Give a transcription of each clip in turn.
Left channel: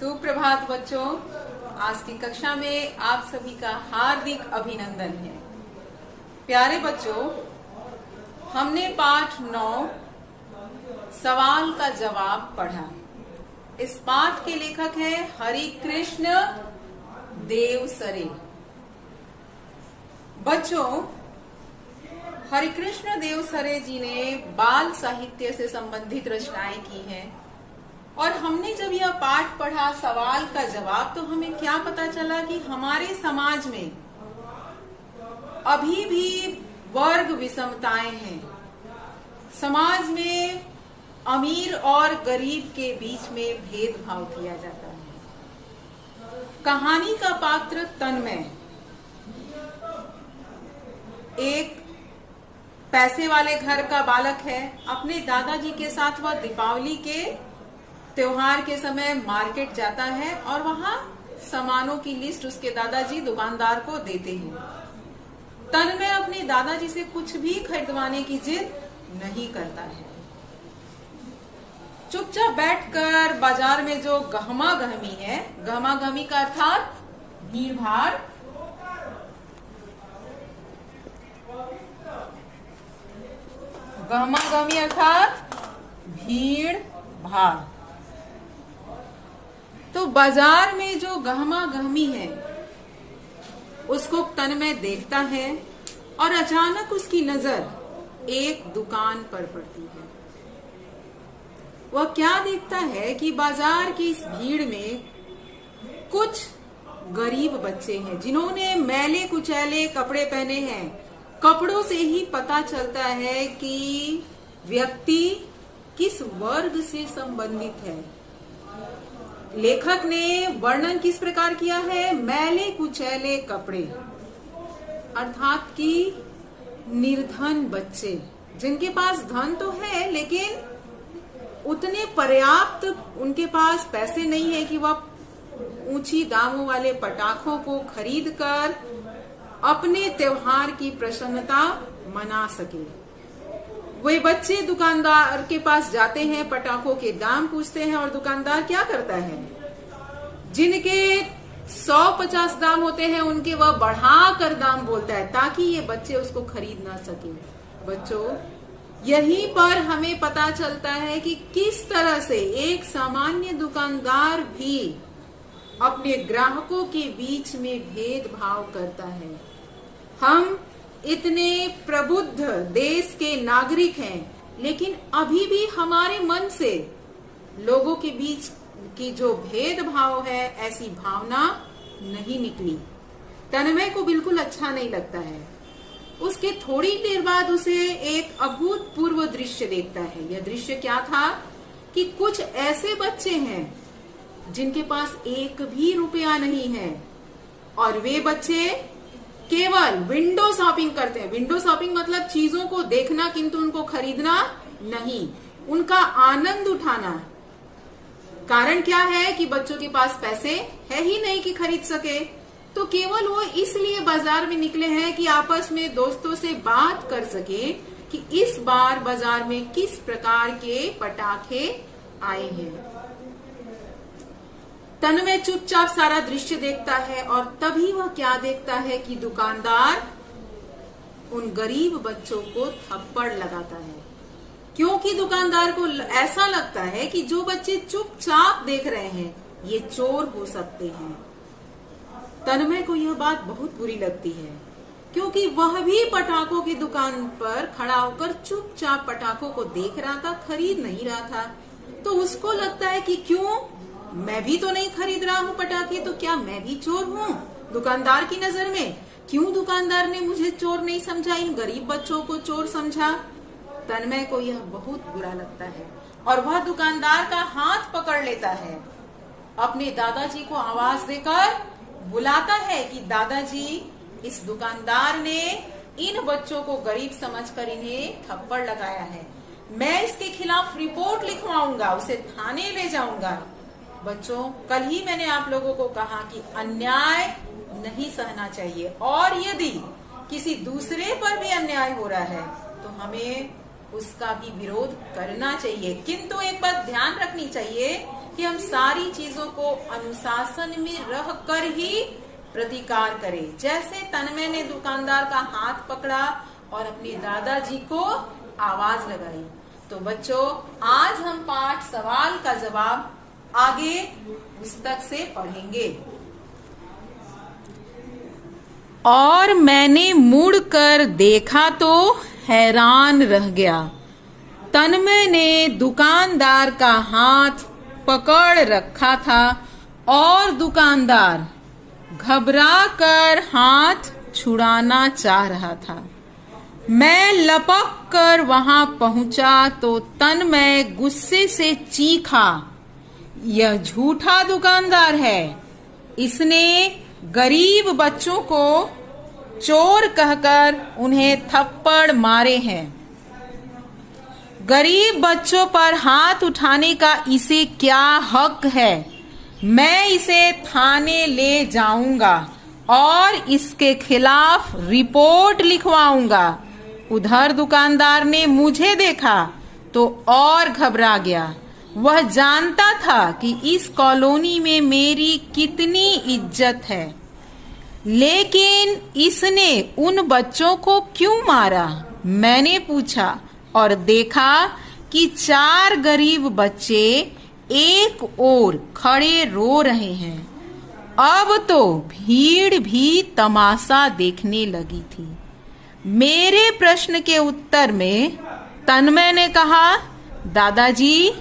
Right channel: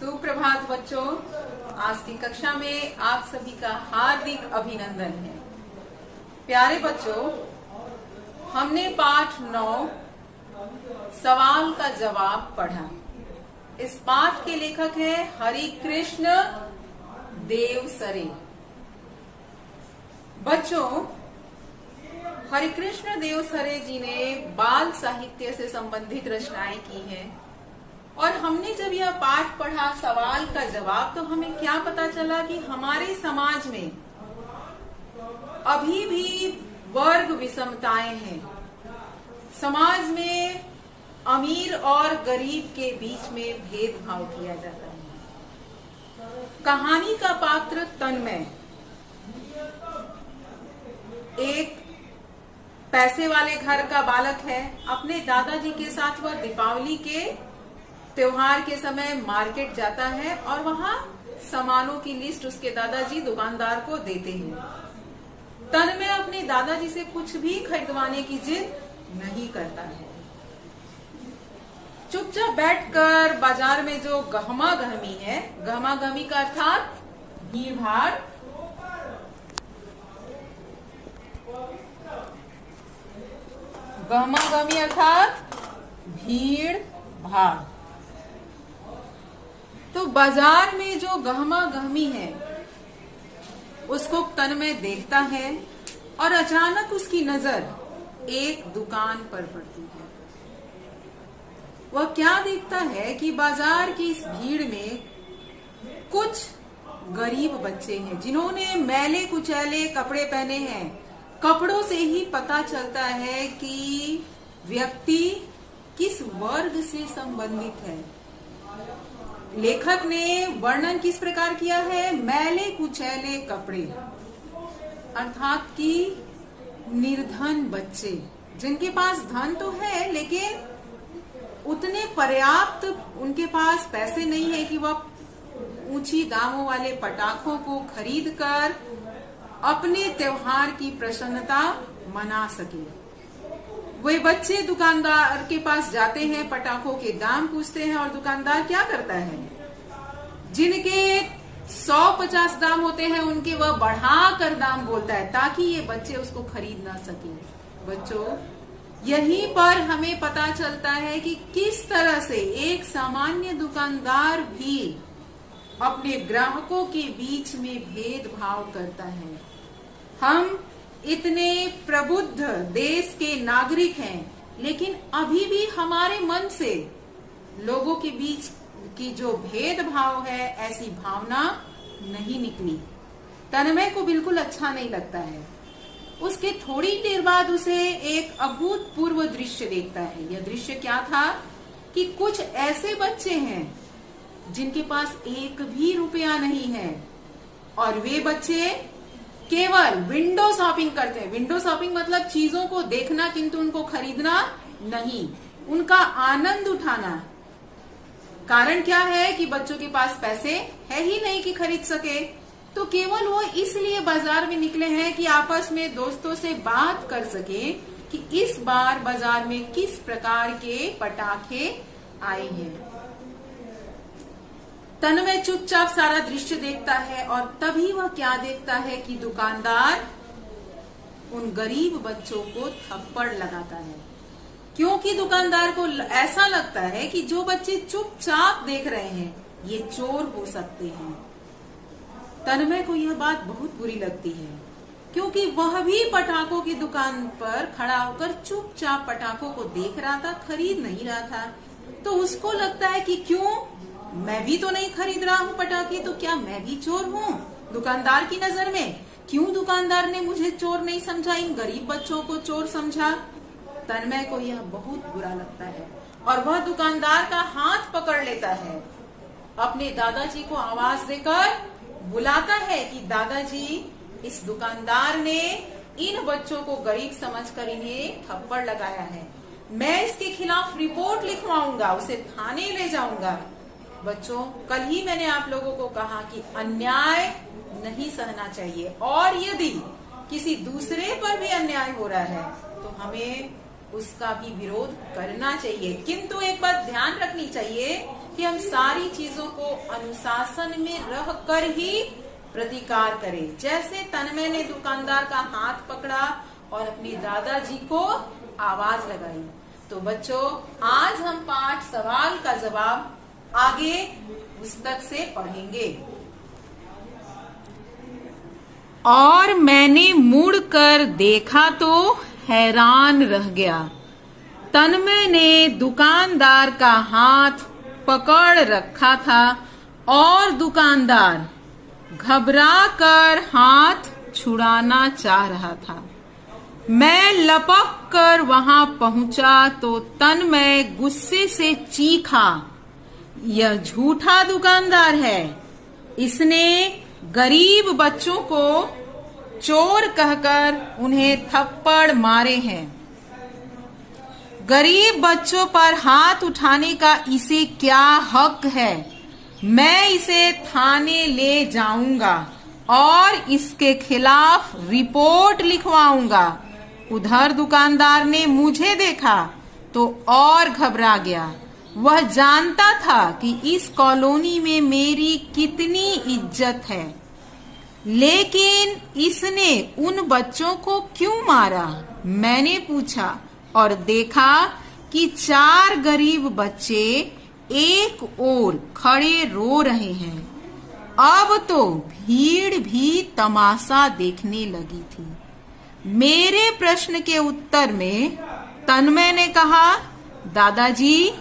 सुप्रभात बच्चों, आज की कक्षा में आप सभी का हार्दिक अभिनंदन है। प्यारे बच्चों, हमने पाठ 9 सवाल का जवाब पढ़ा। इस पाठ के लेखक है हरिकृष्ण देवसरे। बच्चों, हरिकृष्ण देवसरे जी ने बाल साहित्य से संबंधित रचनाएं की हैं और हमने जब यह पाठ पढ़ा सवाल का जवाब, तो हमें क्या पता चला कि हमारे समाज में अभी भी वर्ग विषमताएं हैं। समाज में अमीर और गरीब के बीच में भेदभाव किया जाता है। कहानी का पात्र तन्मय एक पैसे वाले घर का बालक है। अपने दादाजी के साथ वह दीपावली के त्योहार के समय मार्केट जाता है और वहां सामानों की लिस्ट उसके दादाजी दुकानदार को देते हैं। तन्मय अपने दादाजी से कुछ भी खरीदवाने की जिद नहीं करता है। चुपचाप बैठकर बाजार में जो गहमा गहमी है, गहमा गहमी का अर्थात भीड़ भाड़, गहमा गहमी अर्थात भीड़ भाड़। तो बाजार में जो गहमा गहमी है उसको तन्मय देखता है और अचानक उसकी नजर एक दुकान पर पड़ती है। वह क्या देखता है कि बाजार की इस भीड़ में कुछ गरीब बच्चे हैं जिन्होंने मैले कुचैले कपड़े पहने हैं। कपड़ों से ही पता चलता है कि व्यक्ति किस वर्ग से संबंधित है। लेखक ने वर्णन किस प्रकार किया है? मैले कुचैले कपड़े, अर्थात कि निर्धन बच्चे जिनके पास धन तो है लेकिन उतने पर्याप्त उनके पास पैसे नहीं है कि वह ऊंची दामों वाले पटाखों को खरीदकर अपने त्योहार की प्रसन्नता मना सके। वे बच्चे दुकानदार के पास जाते हैं, पटाखों के दाम पूछते हैं और दुकानदार क्या करता है? जिनके 150 दाम होते हैं उनके वह बढ़ाकर दाम बोलता है ताकि ये बच्चे उसको खरीद ना सके। बच्चों, यहीं पर हमें पता चलता है कि किस तरह से एक सामान्य दुकानदार भी अपने ग्राहकों के बीच में भेदभाव करता है। हम इतने प्रबुद्ध देश के नागरिक हैं, लेकिन अभी भी हमारे मन से लोगों के बीच की जो भेदभाव है, ऐसी भावना नहीं निकली। तन्मय को बिल्कुल अच्छा नहीं लगता है। उसके थोड़ी देर बाद उसे एक अभूतपूर्व दृश्य देखता है। यह दृश्य क्या था कि कुछ ऐसे बच्चे हैं जिनके पास एक भी रुपया नहीं है और वे बच्चे केवल विंडो शॉपिंग करते हैं। विंडो शॉपिंग मतलब चीजों को देखना किंतु उनको खरीदना नहीं, उनका आनंद उठाना। कारण क्या है कि बच्चों के पास पैसे है ही नहीं कि खरीद सके, तो केवल वो इसलिए बाजार में निकले हैं कि आपस में दोस्तों से बात कर सके कि इस बार बाजार में किस प्रकार के पटाखे आए हैं। तन्मय चुपचाप सारा दृश्य देखता है और तभी वह क्या देखता है कि दुकानदार उन गरीब बच्चों को थप्पड़ लगाता है, क्योंकि दुकानदार को ऐसा लगता है कि जो बच्चे चुपचाप देख रहे हैं ये चोर हो सकते हैं। तन्मय को यह बात बहुत बुरी लगती है क्योंकि वह भी पटाखों की दुकान पर खड़ा होकर चुपचाप पटाखों को देख रहा था, खरीद नहीं रहा था। तो उसको लगता है कि क्यों, मैं भी तो नहीं खरीद रहा हूँ पटाखे, तो क्या मैं भी चोर हूँ दुकानदार की नजर में? क्यों दुकानदार ने मुझे चोर नहीं समझा, इन गरीब बच्चों को चोर समझा? तन्मय को यह बहुत बुरा लगता है और वह दुकानदार का हाथ पकड़ लेता है, अपने दादाजी को आवाज देकर बुलाता है कि दादाजी, इस दुकानदार ने इन बच्चों को गरीब समझकर इन्हें थप्पड़ लगाया है। मैं इसके खिलाफ रिपोर्ट लिखवाऊंगा, उसे थाने ले जाऊंगा। बच्चों, कल ही मैंने आप लोगों को कहा कि अन्याय नहीं सहना चाहिए और यदि किसी दूसरे पर भी अन्याय हो रहा है तो हमें उसका भी विरोध करना चाहिए। किंतु एक बात ध्यान रखनी चाहिए कि हम सारी चीजों को अनुशासन में रह कर ही प्रतिकार करें। जैसे तन्मय ने दुकानदार का हाथ पकड़ा और अपने दादाजी को आवाज लगाई। तो बच्चों, आज हम पाठ सवाल का जवाब आगे पुस्तक से पढ़ेंगे। और मैंने मुड़कर देखा तो हैरान रह गया। तन्मय ने दुकानदार का हाथ पकड़ रखा था और दुकानदार घबरा कर हाथ छुड़ाना चाह रहा था। मैं लपक कर वहां पहुंचा तो तन्मय गुस्से से चीखा, यह झूठा दुकानदार है। इसने गरीब बच्चों को चोर कहकर उन्हें थप्पड़ मारे हैं। गरीब बच्चों पर हाथ उठाने का इसे क्या हक है? मैं इसे थाने ले जाऊंगा और इसके खिलाफ रिपोर्ट लिखवाऊंगा। उधर दुकानदार ने मुझे देखा तो और घबरा गया। वह जानता था कि इस कॉलोनी में मेरी कितनी इज्जत है, लेकिन इसने उन बच्चों को क्यों मारा? मैंने पूछा और देखा कि 4 गरीब बच्चे एक ओर खड़े रो रहे हैं। अब तो भीड़ भी तमाशा देखने लगी थी। मेरे प्रश्न के उत्तर में तन्मय ने कहा, दादाजी,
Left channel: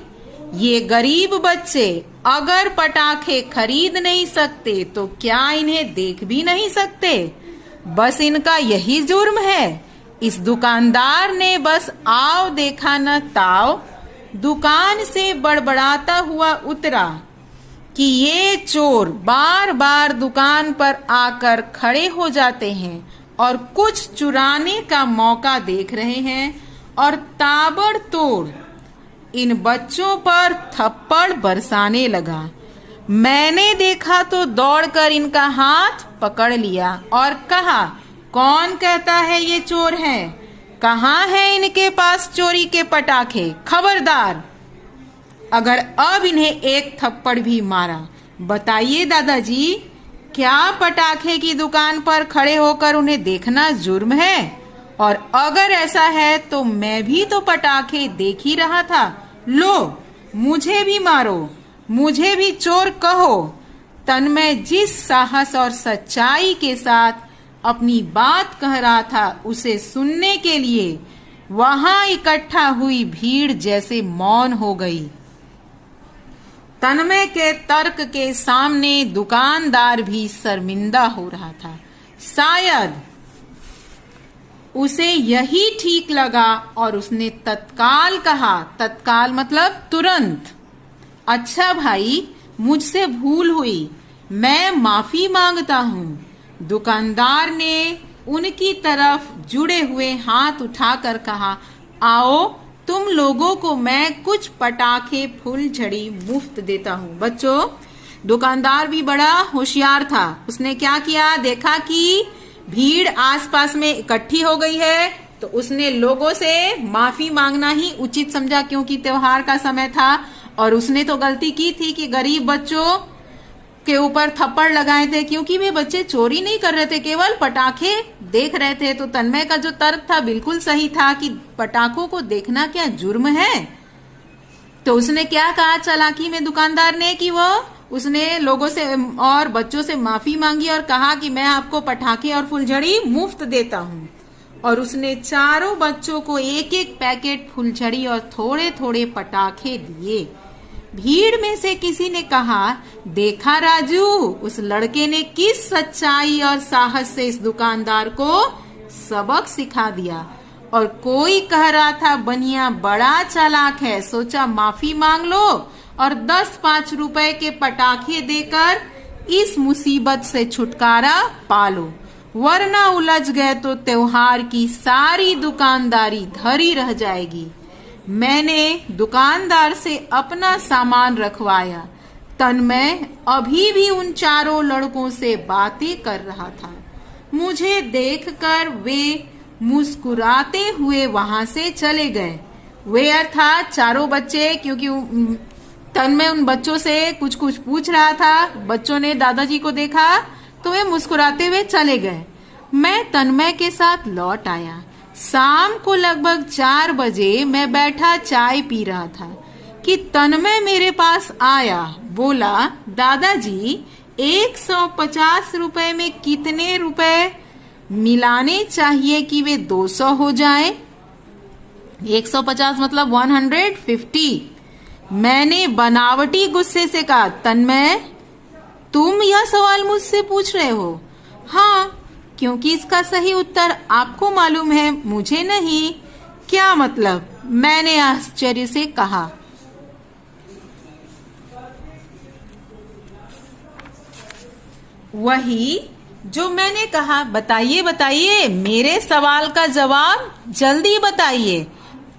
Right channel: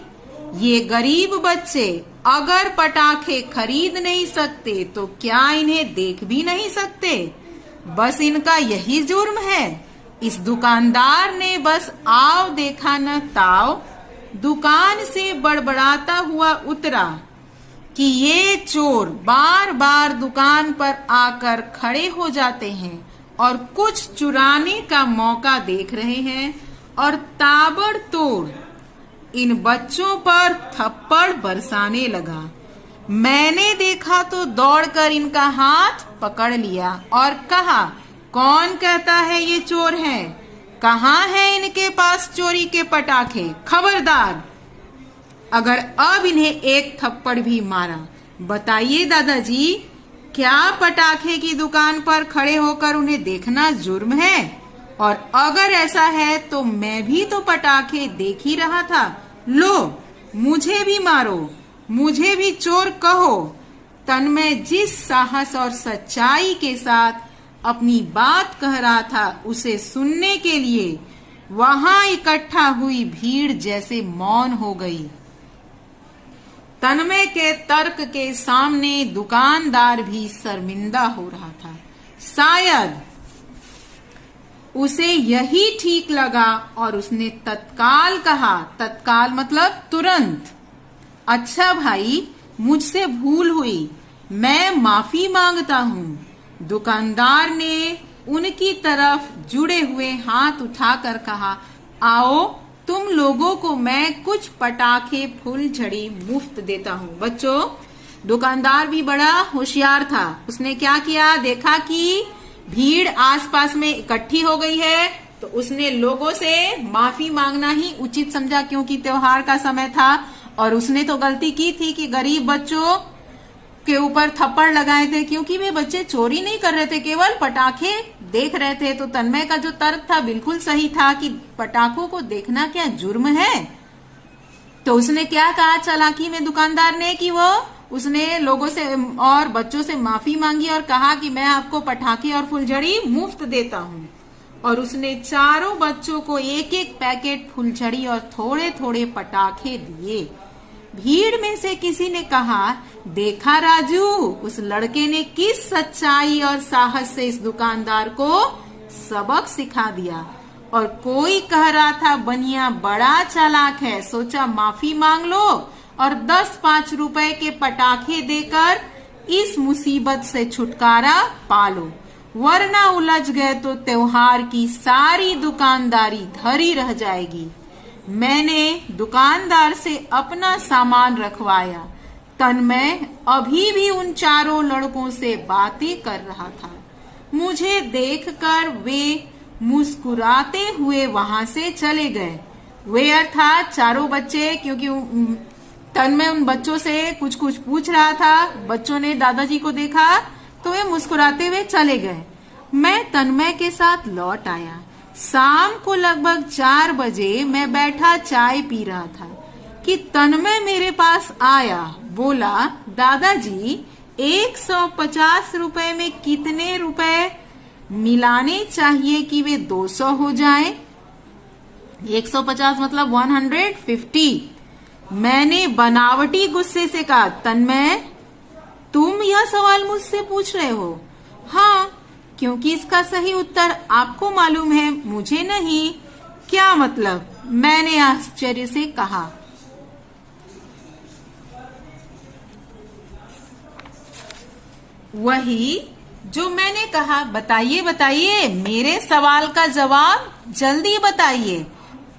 ये गरीब बच्चे अगर पटाखे खरीद नहीं सकते तो क्या इन्हें देख भी नहीं सकते? बस इनका यही जुर्म है। इस दुकानदार ने बस आओ देखा न ताव दुकान से बड़बड़ाता हुआ उतरा कि ये चोर बार बार दुकान पर आकर खड़े हो जाते हैं और कुछ चुराने का मौका देख रहे हैं और ताबड़तोड़ इन बच्चों पर थप्पड़ बरसाने लगा। मैंने देखा तो दौड़कर इनका हाथ पकड़ लिया और कहा, कौन कहता है ये चोर हैं? कहाँ है इनके पास चोरी के पटाखे? खबरदार, अगर अब इन्हें एक थप्पड़ भी मारा, बताइए दादाजी, क्या पटाखे की दुकान पर खड़े होकर उन्हें देखना जुर्म है? और अगर ऐसा है तो मैं भी तो पटाखे देख ही रहा था। लो, मुझे भी मारो, मुझे भी चोर कहो। तन्मय जिस साहस और सच्चाई के साथ अपनी बात कह रहा था, उसे सुनने के लिए वहां इकट्ठा हुई भीड़ जैसे मौन हो गई। तन्मय के तर्क के सामने दुकानदार भी शर्मिंदा हो रहा था। शायद उसे यही ठीक लगा और उसने तत्काल कहा, तत्काल मतलब तुरंत, अच्छा भाई, मुझसे भूल हुई, मैं माफी मांगता हूँ। दुकानदार ने उनकी तरफ जुड़े हुए हाथ उठाकर कहा, आओ, तुम लोगों को मैं कुछ पटाखे फुलझड़ी मुफ्त देता हूँ। बच्चों, दुकानदार भी बड़ा होशियार था। उसने क्या किया, देखा कि भीड़ आसपास में इकट्ठी हो गई है तो उसने लोगों से माफी मांगना ही उचित समझा, क्योंकि त्योहार का समय था और उसने तो गलती की थी कि गरीब बच्चों के ऊपर थप्पड़ लगाए थे, क्योंकि वे बच्चे चोरी नहीं कर रहे थे, केवल पटाखे देख रहे थे। तो तन्मय का जो तर्क था बिल्कुल सही था कि पटाखों को देखना क्या जुर्म है। तो उसने क्या कहा चालाकी में दुकानदार ने कि उसने लोगों से और बच्चों से माफी मांगी और कहा कि मैं आपको पटाखे और फुलझड़ी मुफ्त देता हूँ। और उसने चारों बच्चों को एक एक पैकेट फुलझड़ी और थोड़े थोड़े पटाखे दिए। भीड़ में से किसी ने कहा, देखा राजू, उस लड़के ने किस सच्चाई और साहस से इस दुकानदार को सबक सिखा दिया। और कोई कह रहा था, बनिया बड़ा चालाक है, सोचा माफी मांग लो और 10-5 रुपए के पटाखे देकर इस मुसीबत से छुटकारा पालो, वरना उलझ गए तो त्योहार की सारी दुकानदारी धरी रह जाएगी। मैंने दुकानदार से अपना सामान रखवाया। तन्मय अभी भी उन चारों लड़कों से बातें कर रहा था। मुझे देखकर वे मुस्कुराते हुए वहां से चले गए। वे अर्थात चारों बच्चे, क्योंकि तन्मय उन बच्चों से कुछ कुछ पूछ रहा था। बच्चों ने दादाजी को देखा तो वे मुस्कुराते हुए चले गए। मैं तन्मय के साथ लौट आया। शाम को लगभग 4 बजे मैं बैठा चाय पी रहा था कि तन्मय मेरे पास आया। बोला, दादाजी 150 रुपए में कितने रुपए मिलाने चाहिए कि वे 200 हो जाए? 150 मतलब 150। मैंने बनावटी गुस्से से कहा, तन्मय तुम यह सवाल मुझसे पूछ रहे हो? हाँ, क्योंकि इसका सही उत्तर आपको मालूम है, मुझे नहीं। क्या मतलब? मैंने आश्चर्य से कहा। वही जो मैंने कहा। बताइए बताइए, मेरे सवाल का जवाब जल्दी बताइए।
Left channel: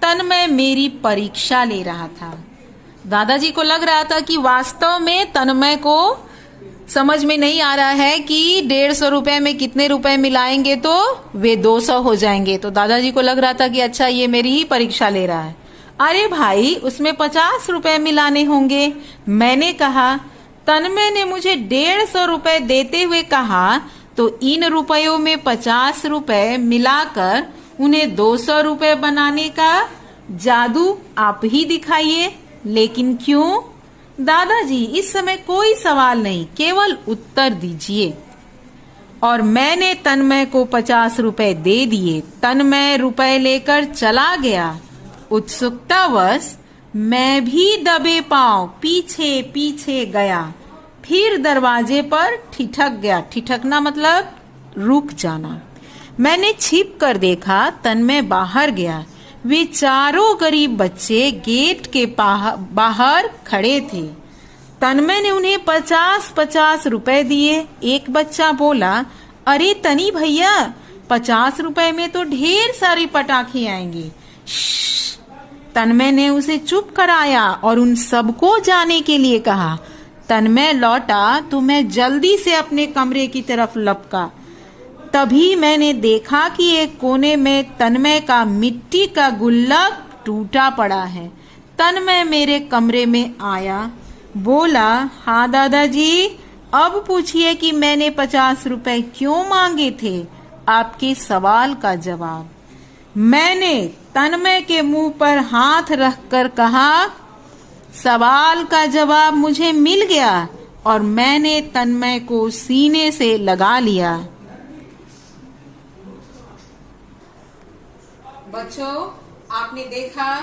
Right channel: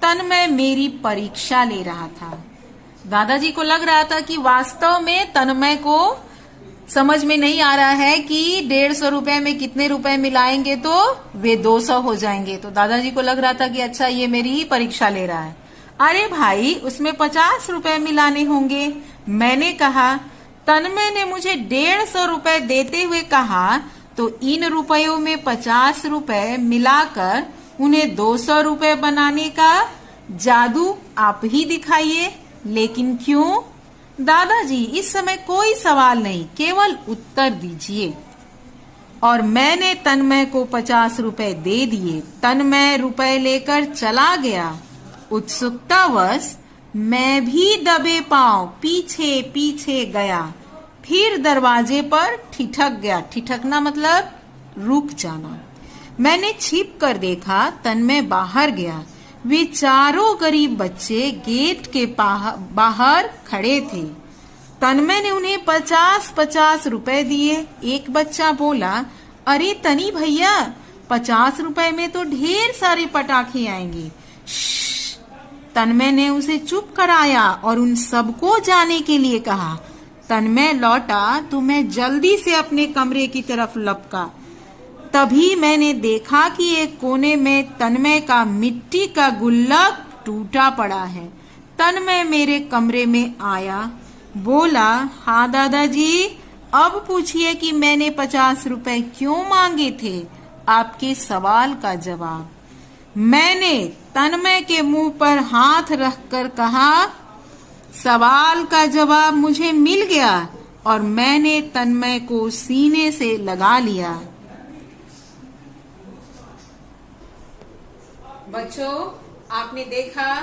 तन्मय मेरी परीक्षा ले रहा था। दादाजी को लग रहा था कि वास्तव में तन्मय को समझ में नहीं आ रहा है कि 150 रुपए में कितने रुपए मिलाएंगे तो वे 200 हो जाएंगे। तो दादाजी को लग रहा था कि अच्छा, ये मेरी ही परीक्षा ले रहा है। अरे भाई, उसमें 50 रुपए मिलाने होंगे, मैंने कहा। तन्मय ने मुझे 150 रुपए देते हुए कहा, तो इन रुपयों में 50 रुपए मिलाकर उन्हें 200 रुपए बनाने का जादू आप ही दिखाइए। लेकिन क्यों? दादाजी, इस समय कोई सवाल नहीं, केवल उत्तर दीजिए। और मैंने तन्मय को 50 रुपए दे दिए। तन्मय रुपए लेकर चला गया। उत्सुकतावश मैं भी दबे पांव पीछे पीछे गया। फिर दरवाजे पर ठिठक गया। ठिठकना मतलब रुक जाना। मैंने छिप कर देखा, तन्मय बाहर गया। वे चारों गरीब बच्चे गेट के बाहर खड़े थे। तन्मय ने उन्हें 50-50 रुपए दिए। एक बच्चा बोला, अरे तनी भैया, 50 रुपए में तो ढेर सारी पटाखे आएंगी। तन्मय ने उसे चुप कराया और उन सबको जाने के लिए कहा। तन्मय लौटा तो मैं जल्दी से अपने कमरे की तरफ लपका। तभी मैंने देखा कि एक कोने में तन्मय का मिट्टी का गुल्लक टूटा पड़ा है। तन्मय मेरे कमरे में आया। बोला, हाँ दादाजी, अब पूछिए कि मैंने 50 रुपए क्यों मांगे थे? आपके सवाल का जवाब। मैंने तन्मय के मुंह पर हाथ रखकर कहा, सवाल का जवाब मुझे मिल गया। और मैंने तन्मय को सीने से लगा लिया। बच्चों, आपने देखा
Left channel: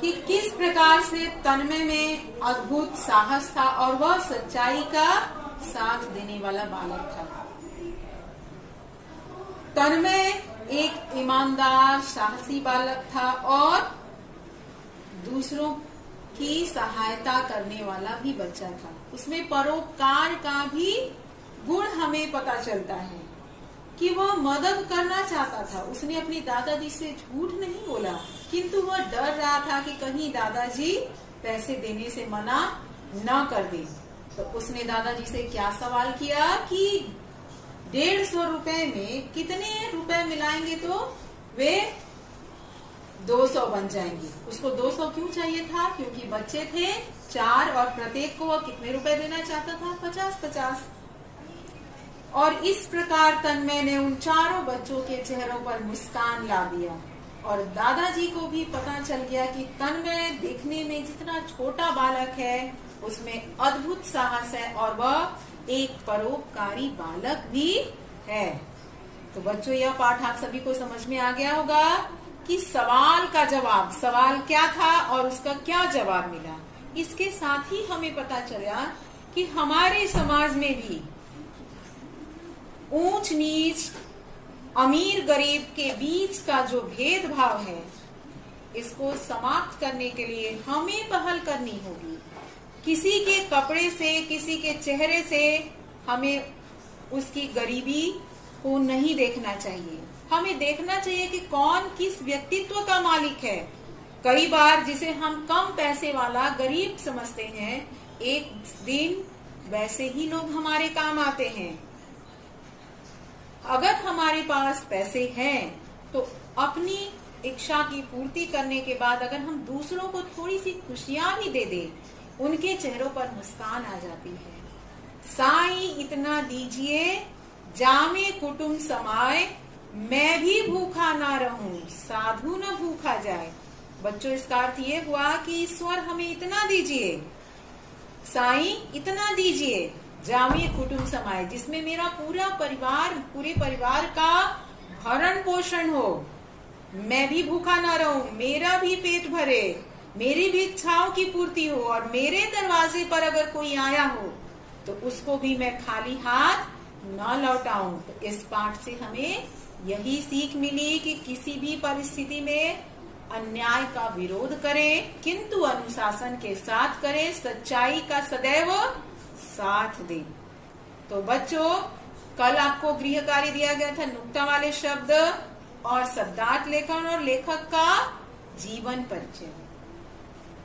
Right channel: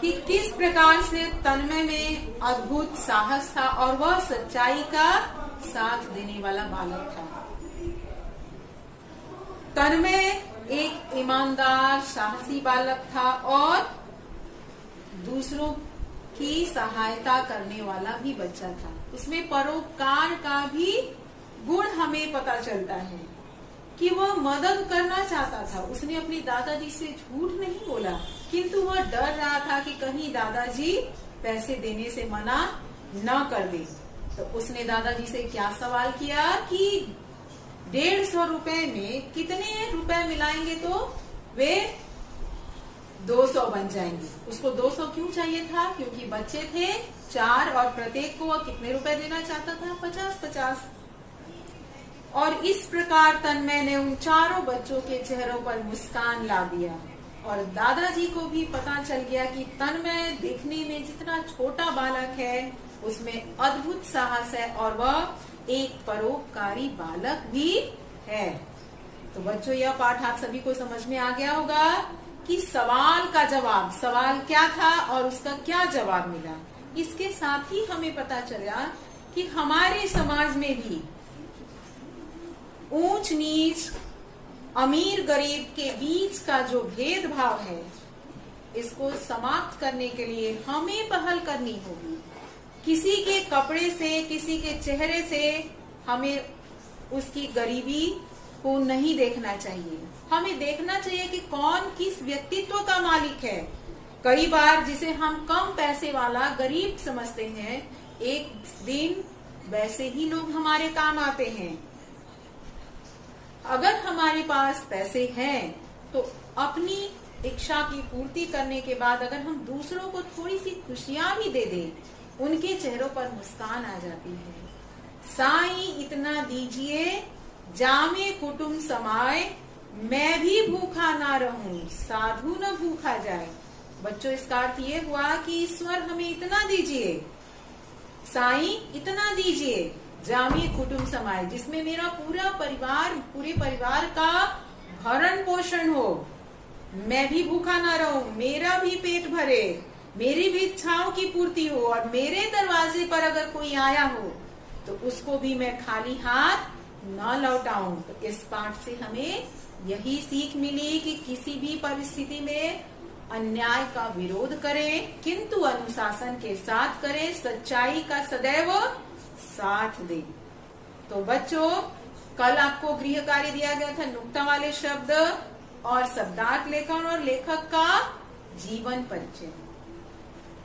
कि किस प्रकार से तन्मय में अद्भुत साहस था और वह सच्चाई का साथ देने वाला बालक था। तन्मय एक ईमानदार, साहसी बालक था और दूसरों की सहायता करने वाला भी बच्चा था। उसमें परोपकार का भी गुण हमें पता चलता है कि वह मदद करना चाहता था। उसने अपनी दादाजी से झूठ नहीं बोला, किंतु वह डर रहा था कि कहीं दादाजी पैसे देने से मना न कर दे। तो उसने दादाजी से क्या सवाल किया कि 150 रुपए में कितने रुपए मिलाएंगे तो वे 200 बन जाएंगे। उसको 200 क्यों चाहिए था? क्योंकि बच्चे थे 4 और प्रत्येक को वह कितने रुपए देना चाहता था? 50-50। और इस प्रकार तन्मय ने उन चारों बच्चों के चेहरों पर मुस्कान ला दिया और दादाजी को भी पता चल गया कि तन्मय देखने में जितना छोटा बालक है उसमें अद्भुत साहस है और वह एक परोपकारी बालक भी है। तो बच्चों, यह पाठ आप सभी को समझ में आ गया होगा कि सवाल का जवाब, सवाल क्या था और उसका क्या जवाब मिला। इसके साथ ही हमें पता चला कि हमारे समाज में भी ऊंच नीच, अमीर गरीब के बीच का जो भेदभाव है, इसको समाप्त करने के लिए हमें पहल करनी होगी। किसी के कपड़े से, किसी के चेहरे से हमें उसकी गरीबी को नहीं देखना चाहिए। हमें देखना चाहिए कि कौन किस व्यक्तित्व का मालिक है। कई बार जिसे हम कम पैसे वाला गरीब समझते हैं, एक दिन वैसे ही लोग हमारे काम आते हैं। अगर हमारे पास पैसे हैं तो अपनी इच्छा की पूर्ति करने के बाद अगर हम दूसरों को थोड़ी सी खुशियां भी दे दें उनके चेहरों पर मुस्कान आ जाती है। साईं इतना दीजिए जामे कुटुंब समाए, मैं भी भूखा ना रहूं साधु न भूखा जाए। बच्चों, इसका अर्थ ये हुआ कि ईश्वर हमें इतना दीजिए, साईं इतना दीजिए जामे कुटुंब समाए, जिसमें मेरा पूरे परिवार का भरण पोषण हो, मैं भी भूखा ना रहूं, मेरा भी पेट भरे, मेरी भी इच्छाओं की पूर्ति हो, और मेरे दरवाजे पर अगर कोई आया हो तो उसको भी मैं खाली हाथ न लौटाऊं। तो इस पाठ से हमें यही सीख मिली कि किसी भी परिस्थिति में अन्याय का विरोध करें, किंतु अनुशासन के साथ करें, सच्चाई का सदैव साथ दें। तो बच्चों, कल आपको गृह कार्य दिया गया था नुक्ता वाले शब्द और शब्दार्थ लेखन और लेखक का जीवन परिचय।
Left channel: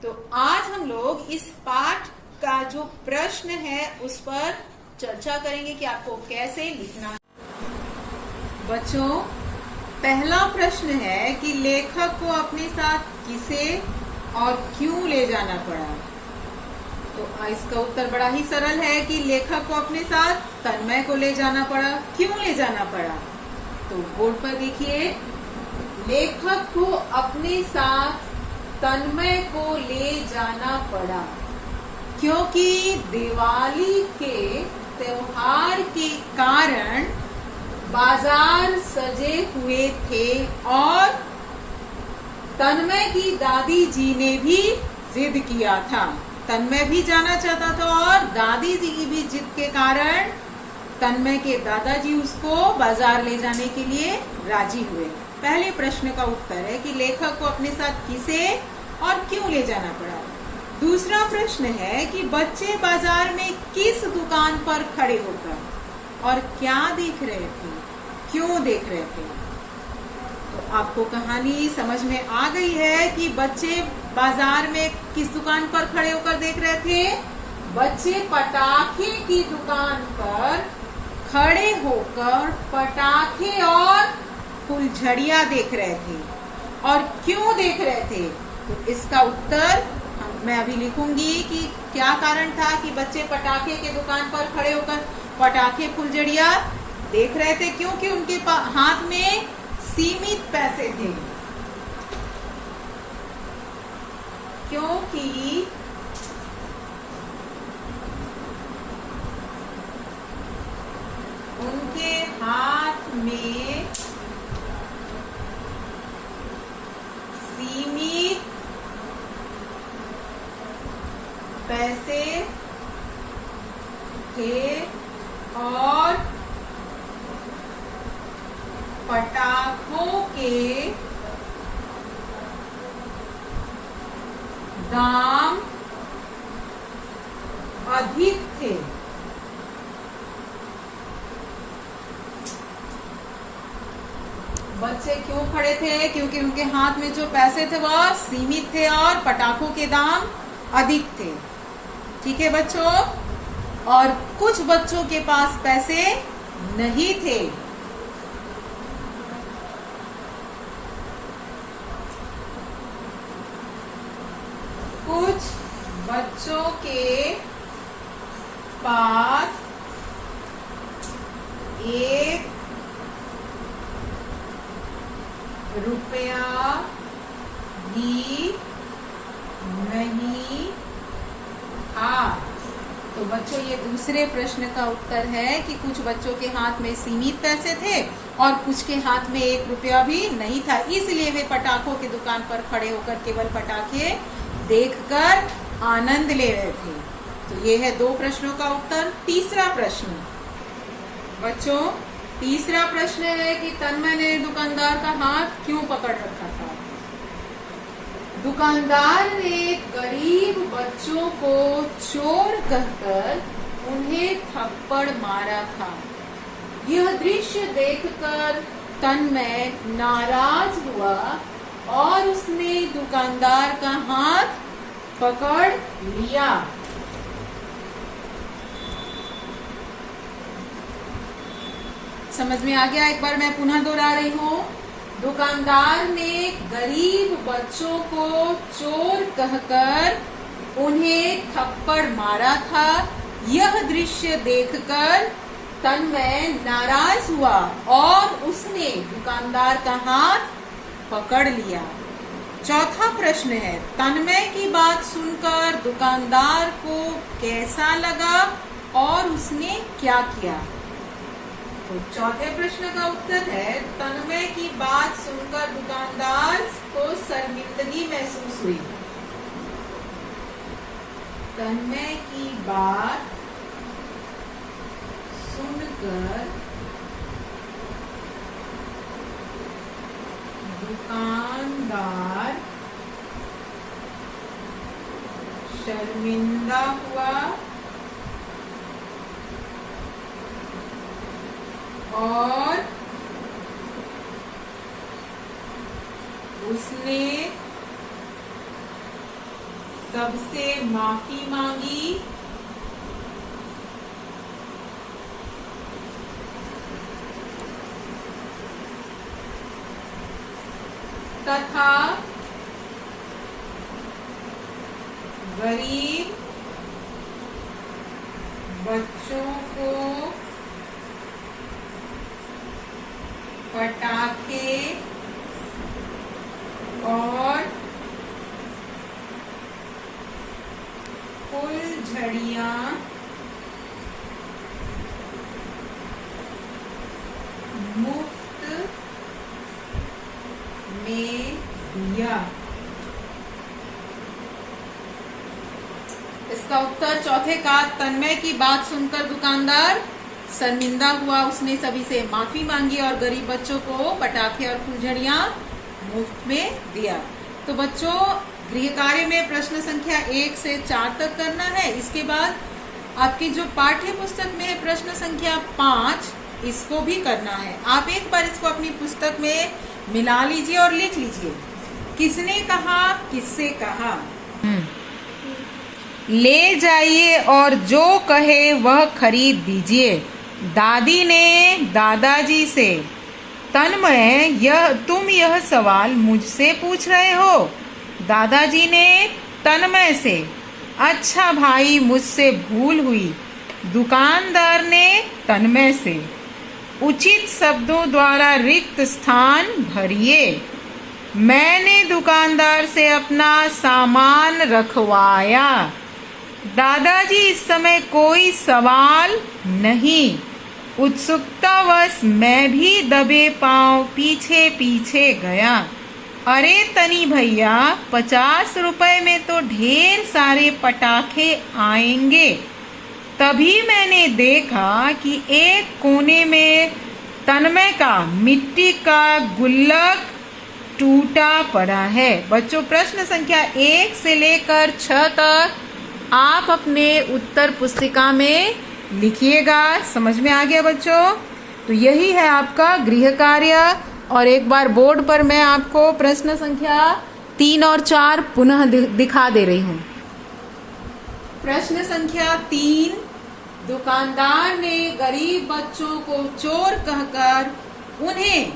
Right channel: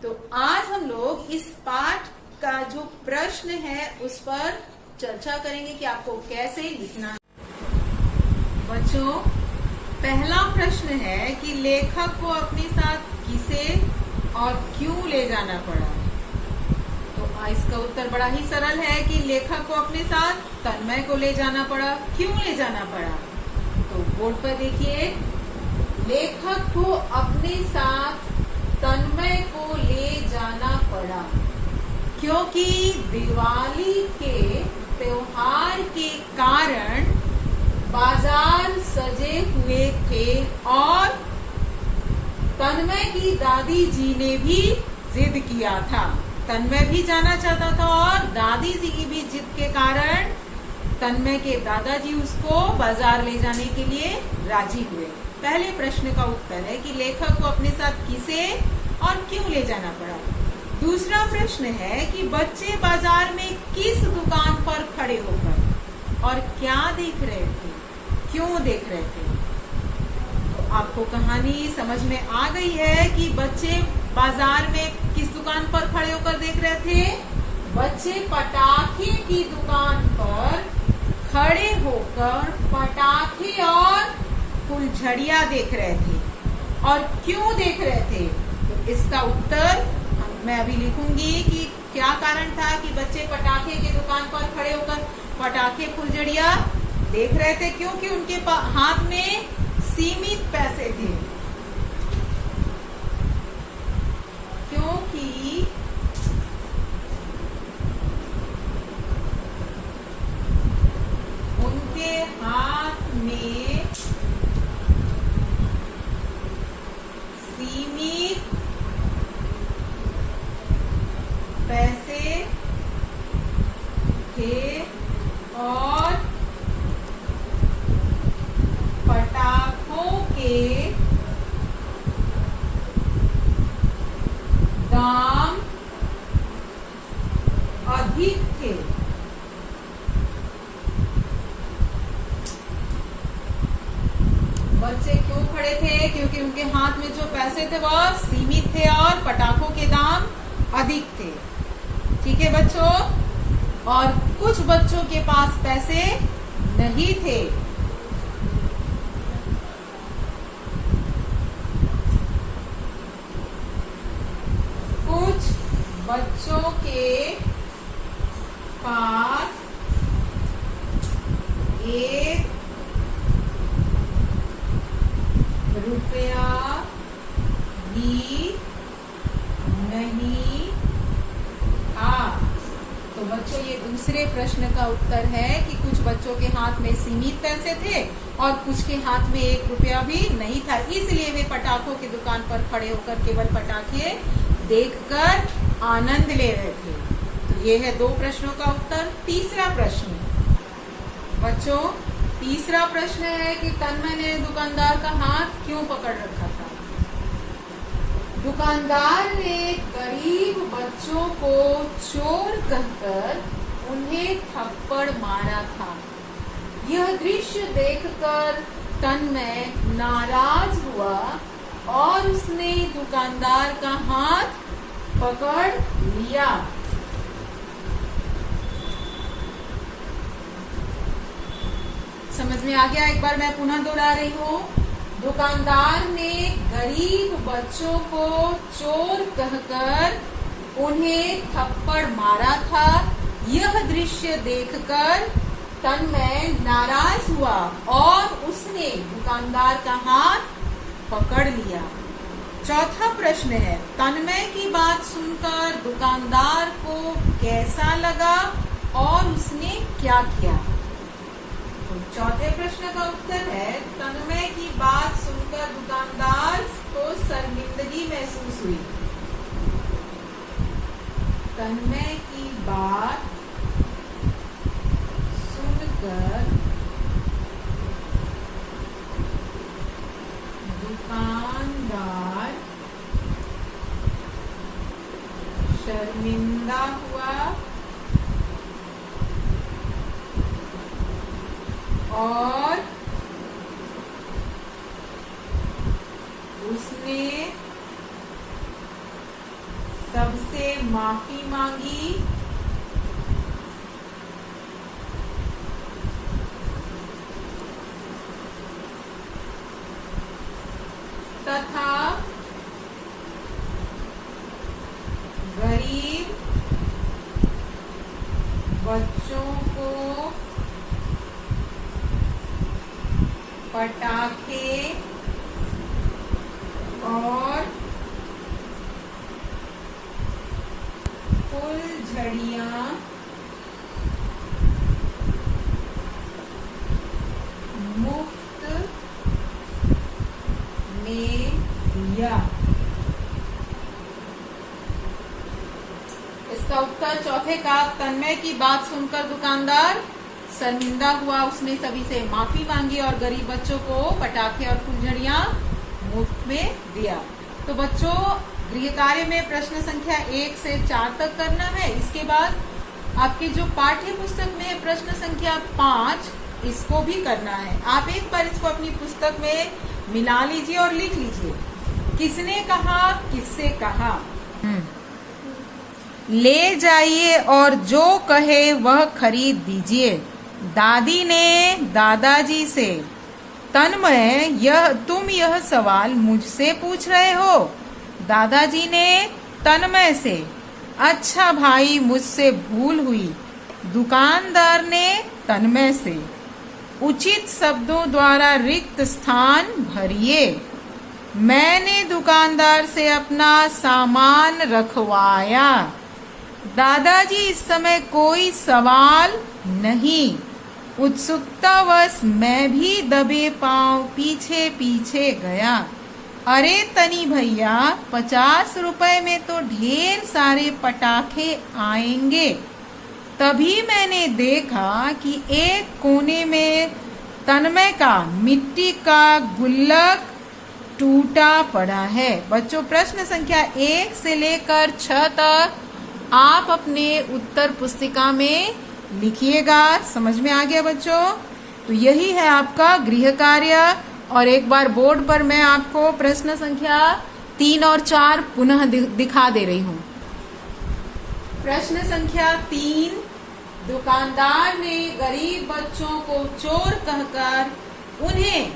तो आज हम लोग इस पाठ का जो प्रश्न है उस पर चर्चा करेंगे कि आपको कैसे लिखना है। बच्चों, पहला प्रश्न है कि लेखक को अपने साथ किसे और क्यों ले जाना पड़ा। तो इसका उत्तर बड़ा ही सरल है कि लेखक को अपने साथ तन्मय को ले जाना पड़ा। क्यों ले जाना पड़ा? तो बोर्ड पर देखिए, लेखक को अपने साथ तन्मय को ले जाना पड़ा क्योंकि दिवाली के त्योहार के कारण बाजार सजे हुए थे और तन्मय की दादी जी ने भी जिद किया था। तन्मय भी जाना चाहता था और दादी जी की भी जिद के कारण तन्मय के दादाजी उसको बाजार ले जाने के लिए राजी हुए। पहले प्रश्न का उत्तर है कि लेखक को अपने साथ किसे और क्यों ले जाना पड़ा। दूसरा प्रश्न है कि बच्चे बाजार में किस दुकान पर खड़े होकर और क्या देख रहे थे, क्यों देख रहे थे। तो आपको कहानी समझ में आ गई है कि बच्चे बाजार में किस दुकान पर खड़े होकर देख रहे थे। बच्चे पटाखे की दुकान पर खड़े होकर पटाखे और फुलझड़ियां देख रहे थे। और क्यों देख रहे थे? तो इसका उत्तर मैं अभी लिखूंगी कि क्या कारण था कि बच्चे पटाखे की दुकान पर खड़े होकर पटाखे फुलझड़ियां देख रहे थे। क्योंकि उनके हाथ में सीमित पैसे थे। क्योंकि उनके हाथ में सीमित पैसे थे और पटाखों के दाम अधिक थे। बच्चे क्यों खड़े थे? क्योंकि उनके हाथ में जो पैसे थे वह सीमित थे और पटाखों के दाम अधिक थे। ठीक है बच्चों? और कुछ बच्चों के पास पैसे नहीं थे। कुछ बच्चों के पास 1 रुपया भी नहीं था। तो बच्चों, ये दूसरे प्रश्न का उत्तर है कि कुछ बच्चों के हाथ में सीमित पैसे थे और कुछ के हाथ में 1 रुपया भी नहीं था, इसलिए वे पटाखों की दुकान पर खड़े होकर केवल पटाखे देखकर आनंद ले रहे थे। तो ये है 2 प्रश्नों का उत्तर। तीसरा प्रश्न बच्चों, तीसरा प्रश्न है कि तन्मय ने दुकानदार का हाथ क्यों पकड़ रखा था। दुकानदार ने गरीब बच्चों को चोर कहकर उन्हें थप्पड़ मारा था। यह दृश्य देखकर तन्मय नाराज हुआ और उसने दुकानदार का हाथ पकड़ लिया। समझ में आ गया? एक बार मैं पुनः दोहरा रही हूँ। दुकानदार ने गरीब बच्चों को चोर कहकर उन्हें थप्पड़ मारा था। यह दृश्य देखकर तन्मय नाराज हुआ और उसने दुकानदार का हाथ पकड़ लिया। चौथा प्रश्न है, तन्मय की बात सुनकर दुकानदार को कैसा लगा और उसने क्या किया? तो चौथे प्रश्न का उत्तर है, तन्मय की बात सुनकर दुकानदार को शर्मिंदगी महसूस हुई। तन्मय की बात सुनकर दुकानदार शर्मिंदा हुआ और उसने सबसे माफी मांगी तथा गरीब बच्चों को पटाखे और फुलझड़ियां मुफ्त में दिया। इसका उत्तर चौथे का, तन्मय की बात सुनकर दुकानदार शर्मिंदा हुआ, उसने सभी से माफी मांगी और गरीब बच्चों को पटाखे और फुलझड़ियां मुफ्त में दिया। तो बच्चों, गृह कार्य में प्रश्न संख्या 1 से 4 तक करना है। इसके बाद आपकी जो पाठ्य पुस्तक में है प्रश्न संख्या 5, इसको भी करना है। आप एक बार इसको अपनी पुस्तक में मिला लीजिए और लिख लीजिए, किसने कहा, किससे कहा। ले जाइए और जो कहे वह खरीद दीजिए। दादी ने दादाजी से, तन्मय तुम यह सवाल मुझसे पूछ रहे हो? दादाजी ने तन्मय से, अच्छा भाई मुझसे भूल हुई। दुकानदार ने तन्मय से, उचित शब्दों द्वारा रिक्त स्थान भरिए। मैंने दुकानदार से अपना सामान रखवाया। दादाजी इस समय कोई सवाल नहीं। उत्सुकतावश मैं भी दबे पांव पीछे पीछे गया। अरे तनी भैया, 50 रुपए में तो ढेर सारे पटाखे आएंगे। तभी मैंने देखा कि एक कोने में तन्मय का मिट्टी का गुल्लक टूटा पड़ा है। बच्चों, प्रश्न संख्या 1 से लेकर 6 तक आप अपने उत्तर पुस्तिका में लिखिएगा। समझ में आ गया बच्चों? तो यही है आपका गृह कार्य। और एक बार बोर्ड पर मैं आपको प्रश्न संख्या 3 और 4 पुनः दिखा दे रही हूँ। प्रश्न संख्या 3, दुकानदार ने गरीब बच्चों को चोर कहकर उन्हें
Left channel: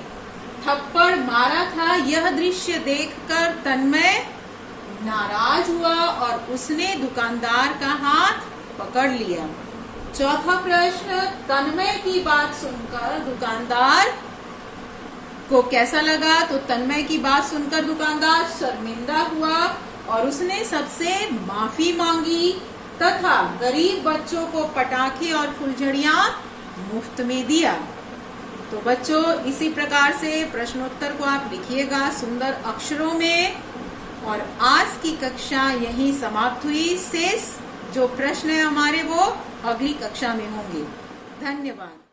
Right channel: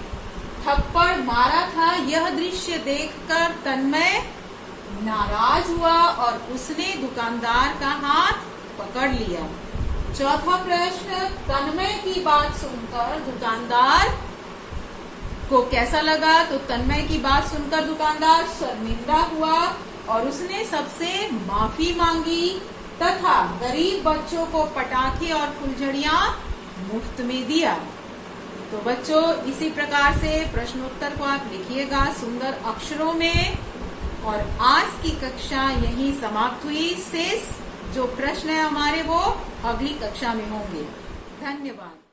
थप्पड़ मारा था। यह दृश्य देखकर तन्मय नाराज हुआ और उसने दुकानदार का हाथ पकड़ लिया। चौथा प्रश्न, तन्मय की बात सुनकर दुकानदार को कैसा लगा? तो तन्मय की बात सुनकर दुकानदार शर्मिंदा हुआ और उसने सबसे माफी मांगी तथा गरीब बच्चों को पटाखे और फुलझड़ियां मुफ्त में दिया। तो बच्चों, इसी प्रकार से प्रश्नोत्तर को आप लिखिएगा सुंदर अक्षरों में। और आज की कक्षा यहीं समाप्त हुई। शेष जो प्रश्न है हमारे वो अगली कक्षा में होंगे। धन्यवाद।